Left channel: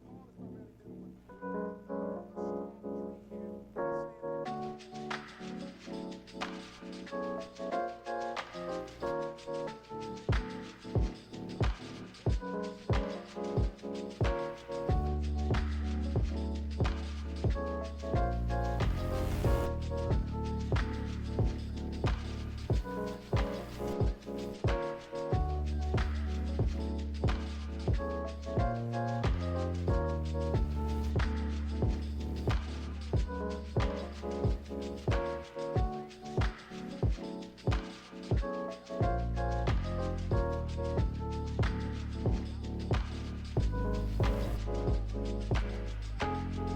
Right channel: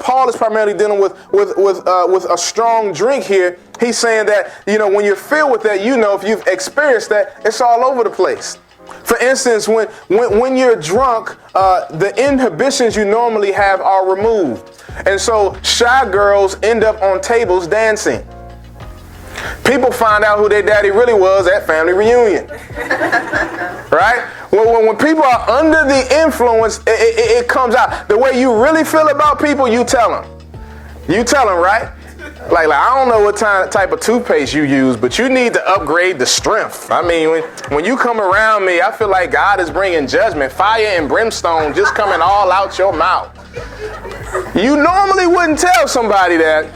Paul is primarily dealing with a strong drink here. He's saying that, when you're filled with that, if you've experienced that, it's all over the place. For instance, when you're drunk, the inhibitions you normally have are removed. And so shy girls end up on tables dancing. People find out who their daddy really was at family reunion. Right? When people are under the influence, it comes out. The way you really feel about people, you tell them. You tell them, right? Like I don't know what type of toothpaste you use, but you need to upgrade the strength. I mean, when you come around me, I feel like God is bringing judgment, fire and brimstone just coming all out your mouth. You normally wouldn't tell somebody that,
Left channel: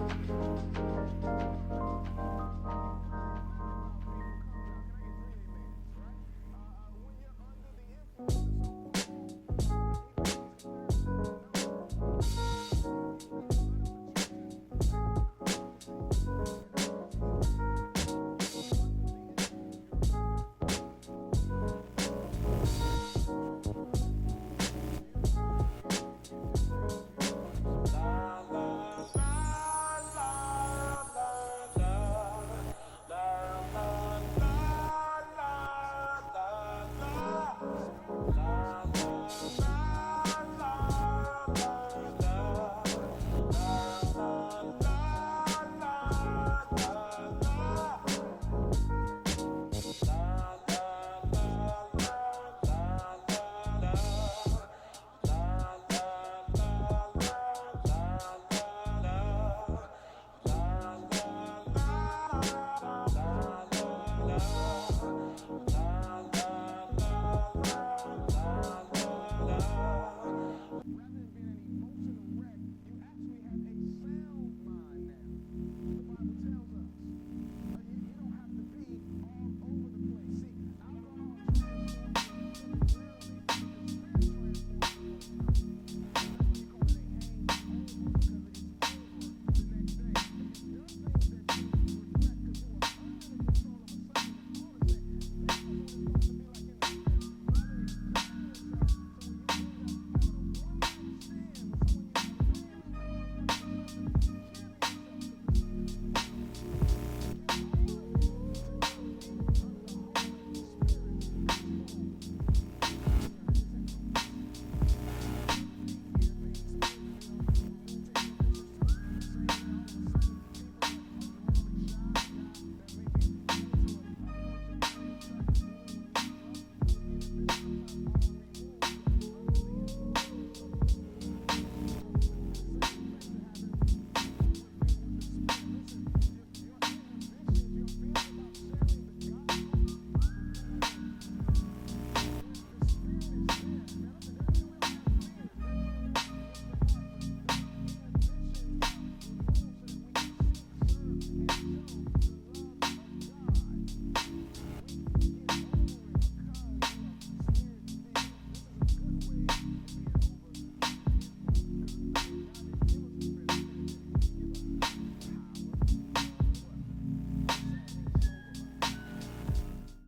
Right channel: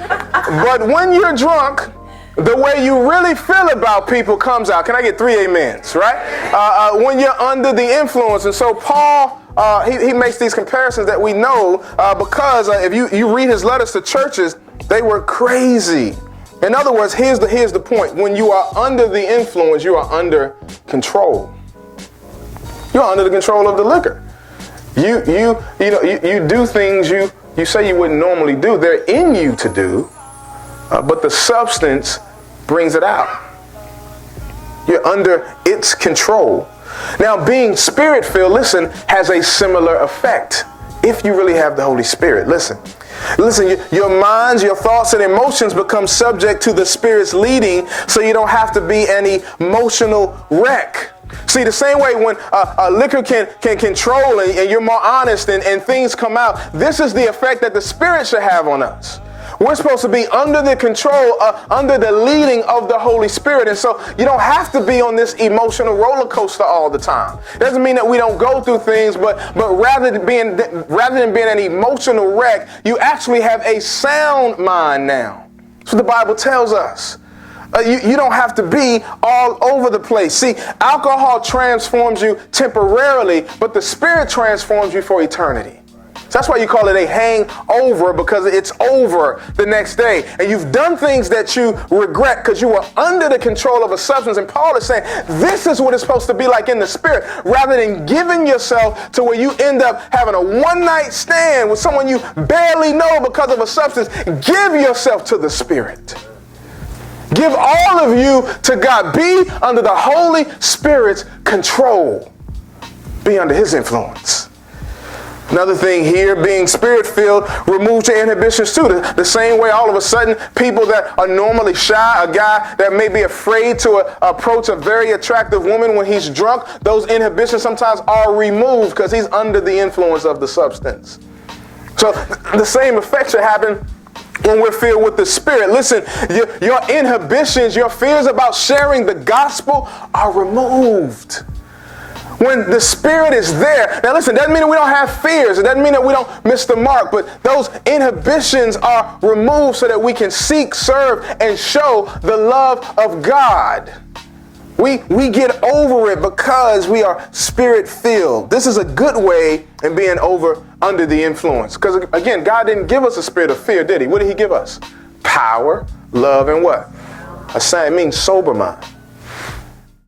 but when you're drunk, the way you really feel about people comes out. Can I get 3 amens, right? When you're under the influence. And so Paul, he makes these comparisons that we know because if you read his letters to churches, they were crazy. In other words, here's the point. When you are under the influence, you are under control. You're under the control of the liquor. You do things you say you wouldn't normally do. They're in you to do, but the substance brings it out. You're under its control. Now, being spirit-filled, listen, has a similar effect. If you really have the Holy Spirit, listen, your minds, your thoughts, and emotions become subject to the Spirit's leading, so you don't have to be an emotional wreck. See, the same way when liquor can control and you're more honest and things come out, this is the effect that the Spirit should have on us. We're supposed to be under the control, under the leading of the Holy Spirit. And so you don't have to be on this emotional roller coaster all the time. It doesn't mean that we don't go through things, but rather than being an emotional wreck, you actually have a sound mind now. That's what the Bible tells us. You don't have to be all over the place. See, alcohol transforms you temporarily, but the Spirit transforms you for eternity. So that's why you call it a hangover, because it's over the next day. And you've done things that you regret because you were under the control of a substance. And Paul is saying this is what it's supposed to be like in the Spirit. Rather than giving yourself to where you end up having a one-night stand with someone you barely know because of a substance, give yourself to the Spirit. Give all of you to God. Be under the Holy Spirit's control. Be under His influence. Another thing here, being spirit-filled removes your inhibitions too. The same way all of a sudden people that are normally shy, a guy that may be afraid to approach a very attractive woman when he's drunk, those inhibitions sometimes are removed because he's under the influence of the substance. So the same effect should happen when we're filled with the Spirit. Listen, your inhibitions, your fears about sharing the gospel are removed. When the Spirit is there, now listen, doesn't mean that we don't have fears. It doesn't mean that we don't miss the mark, but those inhibitions are removed so that we can seek, serve, and show the love of God. We get over it because we are Spirit-filled. This is a good way in being under the influence. Because again, God didn't give us a spirit of fear, did He? What did He give us? Power, love, and what? It means sober mind.